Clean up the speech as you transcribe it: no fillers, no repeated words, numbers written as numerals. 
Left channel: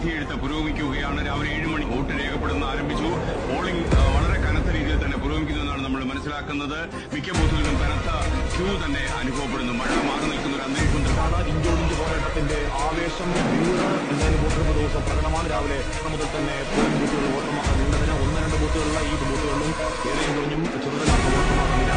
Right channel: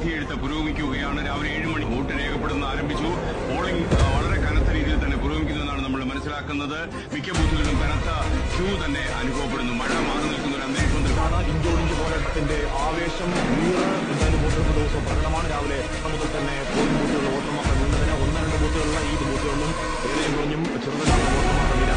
വിധിയെഴുത്ത് പുരോഗമിക്കുകയാണ്. രാവിലെ 7 മണി വോട്ട് രേഖപ്പെടുന്ന ആരംഭിച്ചു. പോളിംഗ് വളരെ കനത്ത രീതിയിൽ തന്നെ പുരോഗമിക്കുന്നുവെന്നാണ് നമ്മൾ മനസ്സിലാക്കുന്നത്. മിക്ക ബൂത്തുകളിലും കനത്ത ക്യൂ തന്നെ അനുഭവപ്പെടുന്നു. മഴ മാറി നിൽക്കുന്ന ഒരു അന്തരീക്ഷമാണ്. ഇഞ്ചോടിഞ്ച് പോരാട്ടത്തിന്റെ ആവേശം എന്തായാലും വോട്ടെടുപ്പ് ദിവസം പ്രകടമാണ്. രാവിലെ മുതൽ തന്നെ പോളിംഗ് ബൂത്തുകളിൽ വോട്ടർമാർ നീണ്ടതിന് 1-2 ബൂത്തുകളിലുള്ള ഈ ബൂത്തുകളിലും ഏറെയും കുറഞ്ഞും ചെറുതല്ലാത്ത വോട്ടർമാരുടെ നില